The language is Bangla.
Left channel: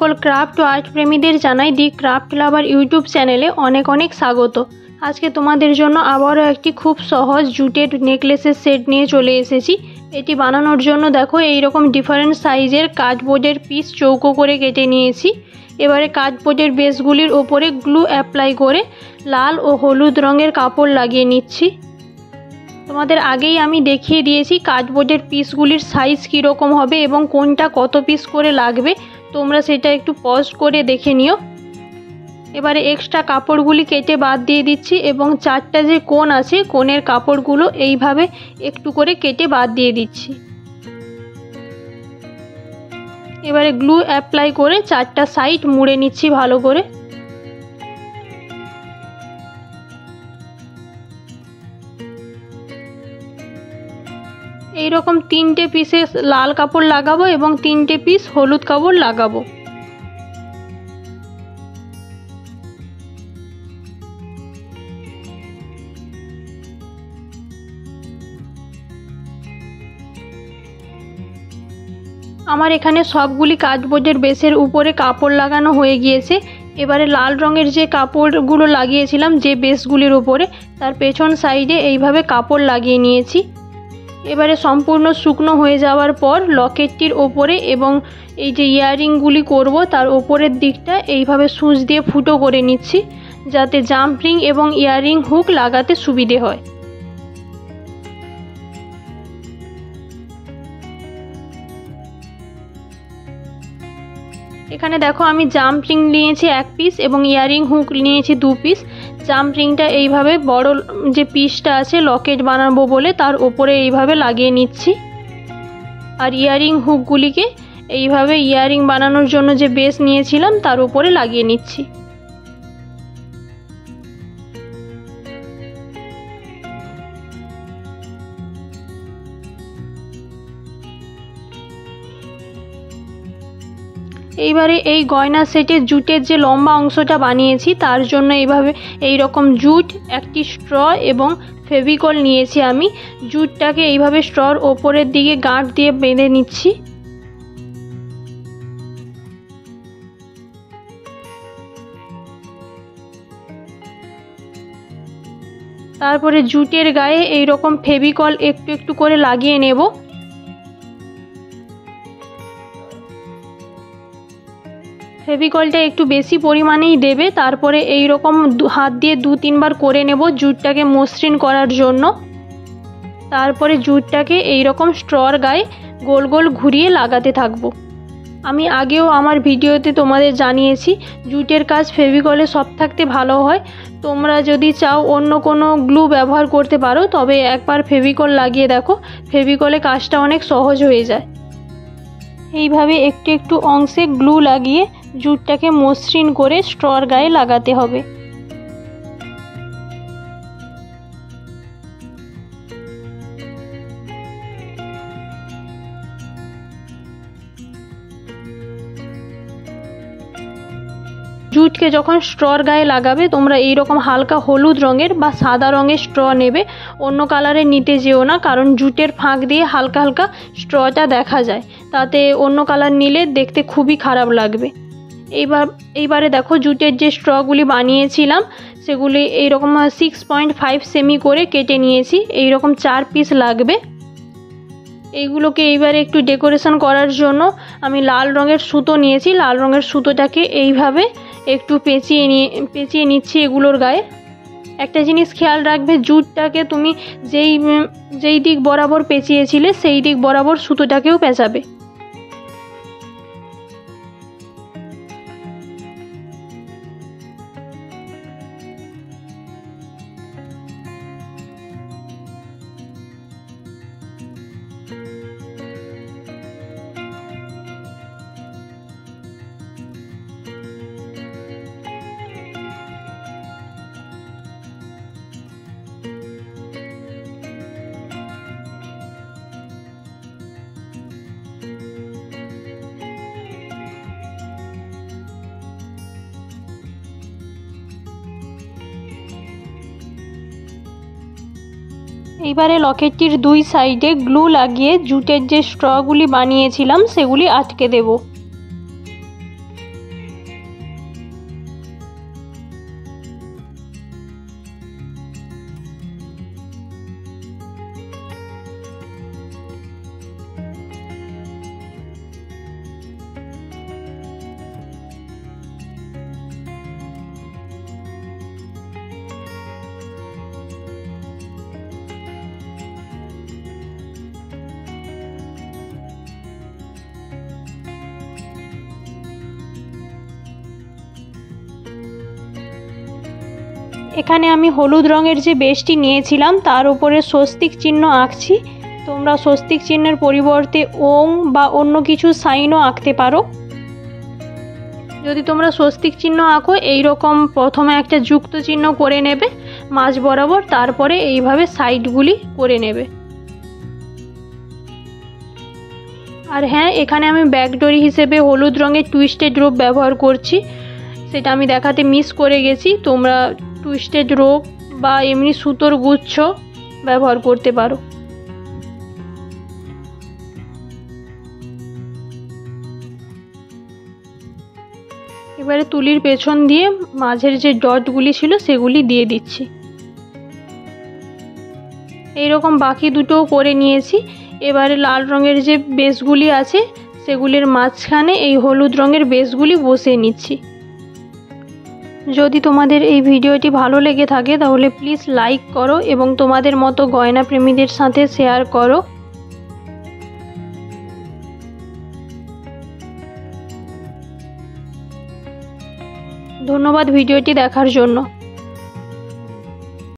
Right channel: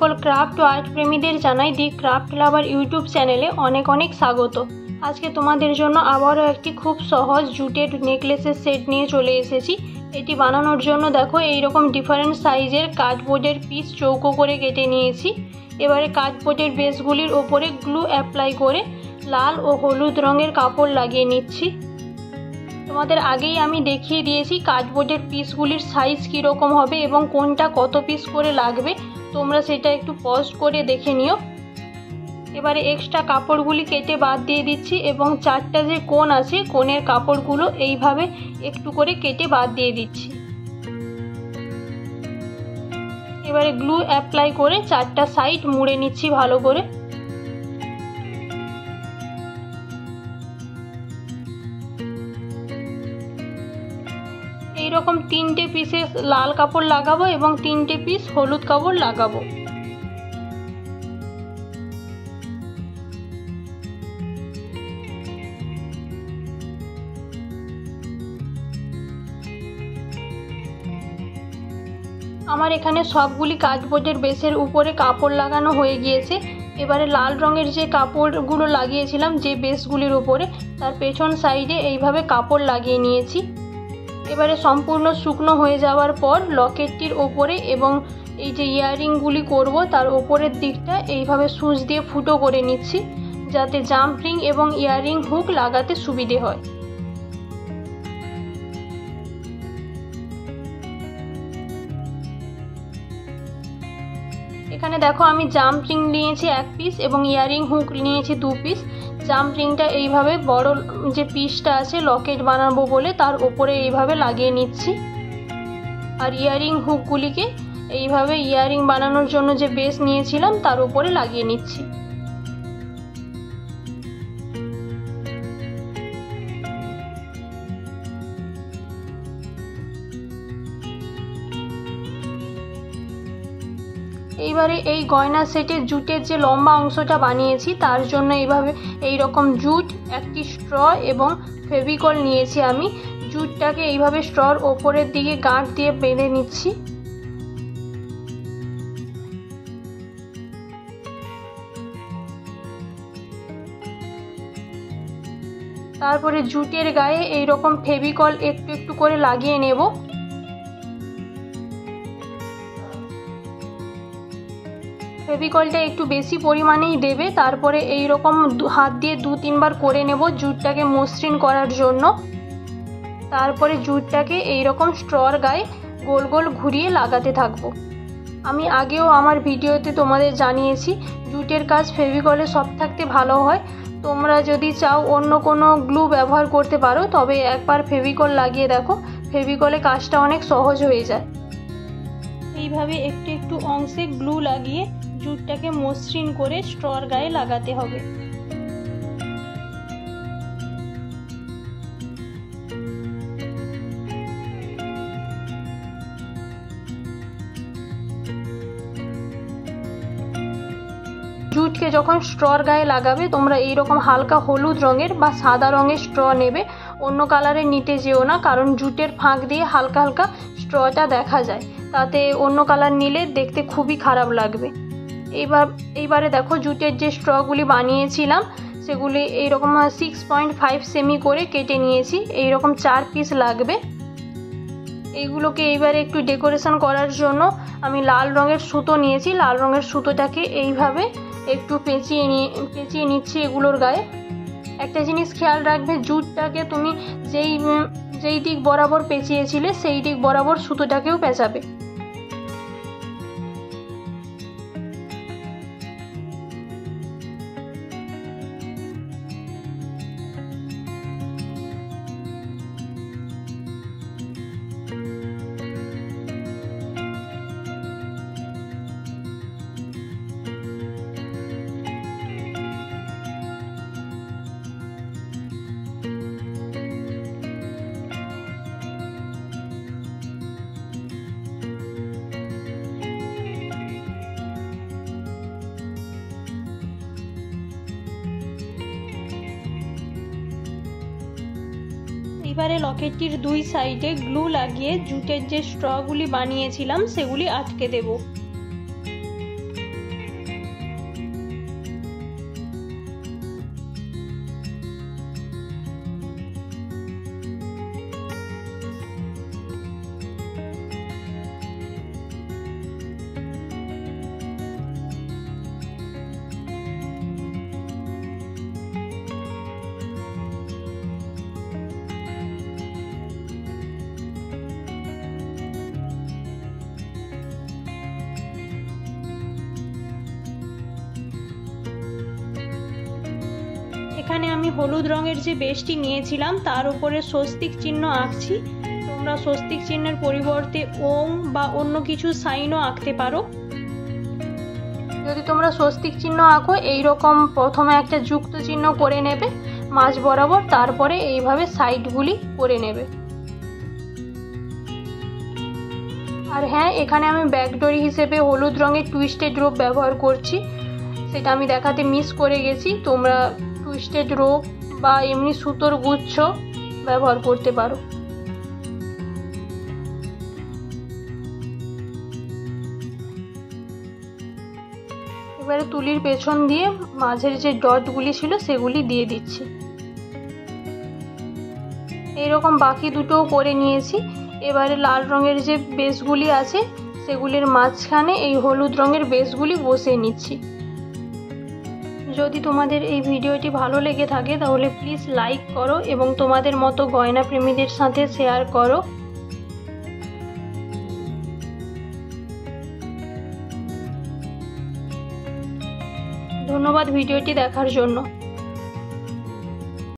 সকল ক্রাফট ও আর্ট প্রেমীদের জানাই দি ক্রাফট লাভার ইউটিউব চ্যানেলে অনেক অনেক স্বাগত। আজকে তোমাদের জন্য আবারও একটি খুব সহজ জুটের নেকলেসের সেট নিয়ে চলে এসেছি। এটি বানানোর জন্য দেখো এইরকম ডিফারেন্ট সাইজের কার্ডবোর্ডের পিস চৌকো করে কেটে নিয়েছি। এবারে কার্ডবোর্ডের বেসগুলির ওপরে গ্লু অ্যাপ্লাই করে লাল ও হলুদ রঙের কাপড় লাগিয়ে নিচ্ছি। তোমাদের আগেই আমি দেখিয়ে দিয়েছি কার্ডবোর্ডের পিসগুলির সাইজ কীরকম হবে এবং কোনটা কত পিস করে লাগবে, তোমরা সেটা একটু পজ করে দেখে নিও। এবারে এক্সট্রা কাপড়গুলি কেটে বাদ দিয়ে দিচ্ছি এবং চারটা যে কোণ আছে কোণের কাপড়গুলো এইভাবে একটু করে কেটে বাদ দিয়ে দিচ্ছি। এবারে গ্লু অ্যাপ্লাই করে চারটা সাইড মুড়ে নিচ্ছি ভালো করে। এইরকম তিনটে পিসে লাল কাপড় লাগাবো এবং তিনটে পিস হলুদ কাপড় লাগাবো। আমার এখানে সবগুলি কার্ডবোর্ডের বেসের উপরে কাপড় লাগানো হয়ে গিয়েছে। এবারে লাল রঙের যে কাপড়গুলো লাগিয়েছিলাম যে বেসগুলির উপরে, তার পেছন সাইডে এইভাবে কাপড় লাগিয়ে নিয়েছি। এবারে সম্পূর্ণ শুকনো হয়ে যাওয়ার পর লকেটটির ওপরে এবং এই যে ইয়াররিংগুলি করব তার ওপরের দিকটা এইভাবে সুচ দিয়ে ফুটো করে নিচ্ছি, যাতে জাম্প রিং এবং ইয়াররিং হুক লাগাতে সুবিধে হয়। এখানে দেখো আমি জাম্প রিং নিয়েছি এক পিস এবং ইয়াররিং হুক নিয়েছি দু পিস। জাম্প রিংটা এইভাবে বড় যে পিসটা আছে লকেট বানাবো বলে তার ওপরে এইভাবে লাগিয়ে নিচ্ছি, আর ইয়াররিং হুকগুলিকে এইভাবে ইয়াররিং বানানোর জন্য যে বেস নিয়েছিলাম তার উপরে লাগিয়ে নিচ্ছি। এইবারে এই গয়না সেটের জুটের যে লম্বা অংশটা বানিয়েছি তার জন্য এইভাবে এইরকম জুট, একটি স্ট্র এবং ফেভিকল নিয়েছি। আমি জুটটাকে এইভাবে স্ট্রর ওপরের দিকে গাঁট দিয়ে বেঁধে নিচ্ছি। তারপরে জুটের গায়ে এইরকম ফেভিকল একটু একটু করে লাগিয়ে নেব। ফেভিকলটা একটু বেশি পরিমাণেই দেবে। তারপরে এই রকম হাত দিয়ে দু তিনবার করে নেব জুটটাকে মসৃণ করার জন্য। তারপরে জুটটাকে এই রকম স্ট্রর গায়ে গোল গোল ঘুরিয়ে লাগাতে থাকবো। আমি আগেও আমার ভিডিওতে তোমাদের জানিয়েছি জুটের কাজ ফেভিকলে সব থাকতে ভালো হয়। তোমরা যদি চাও অন্য কোনো গ্লু ব্যবহার করতে পারো, তবে একবার ফেভিকল লাগিয়ে দেখো, ফেভিকলে কাজটা অনেক সহজ হয়ে যায়। এইভাবে একটু একটু অংশে গ্লু লাগিয়ে জুটটাকে মসৃণ করে স্ট্রর গায়ে লাগাতে হবে। জুটকে যখন স্ট্রর গায়ে লাগাবে তোমরা এইরকম হালকা হলুদ রঙের বা সাদা রঙের স্ট্র নেবে, অন্য কালারের নিতে যেও না, কারণ জুটের ফাঁক দিয়ে হালকা হালকা স্ট্রটা দেখা যায়, তাতে অন্য কালার নিলে দেখতে খুবই খারাপ লাগবে। এইবারে দেখো জুটের যে স্ট্রগুলি বানিয়েছিলাম সেগুলি এইরকম 6.5 সেমি করে কেটে নিয়েছি। এইরকম 4 পিস লাগবে। এইগুলোকে এইবারে একটু ডেকোরেশন করার জন্য আমি লাল রঙের সুতো নিয়েছি। লাল রঙের সুতোটাকে এইভাবে একটু পেঁচিয়ে নিচ্ছি এগুলোর গায়ে। একটা জিনিস খেয়াল রাখবে, জুটটাকে তুমি যেই দিক বরাবর পেঁচিয়েছিলে সেই দিক বরাবর সুতোটাকেও পেঁচাবে। এইবারে লকেটটির দুই সাইডে গ্লু লাগিয়ে জুটের যে স্ট্রগুলি বানিয়েছিলাম সেগুলি আটকে দেব। এখানে আমি হলুদ রঙের যে বেশটি নিয়েছিলাম তার উপরে স্বস্তিক চিহ্ন আঁকছি। তোমরা স্বস্তিক চিহ্নের পরিবর্তে ওং বা অন্য কিছু সাইনও আঁকতে পারো। যদি তোমরা স্বস্তিক চিহ্ন আঁকো এইরকম প্রথমে একটা যুক্ত চিহ্ন করে নেবে মাঝ বরাবর, তারপরে এইভাবে সাইডগুলি করে নেবে। আর হ্যাঁ, এখানে আমি ব্যাকডোরি হিসেবে হলুদ রঙের টুইস্টেড রোপ ব্যবহার করছি, সেটা আমি দেখাতে মিস করে গেছি। তোমরা টুইস্টেড রোপ বা এমনি সুতোর গুচ্ছ ব্যবহার করতে পারো। এবারে তুলির পেছন দিয়ে মাঝের যে ডটগুলি ছিল সেগুলি দিয়ে দিচ্ছি। এইরকম বাকি দুটোও করে নিয়েছি। এবারে লাল রঙের যে বেসগুলি আছে সেগুলির মাঝখানে এই হলুদ রঙের বেসগুলি বসিয়ে নিচ্ছি। যদি তোমাদের এই ভিডিওটি ভালো লেগে থাকে তাহলে প্লিজ লাইক করো এবং তোমাদের মতো গয়না প্রেমীদের সাথে শেয়ার করো। ধন্যবাদ ভিডিওটি দেখার জন্য।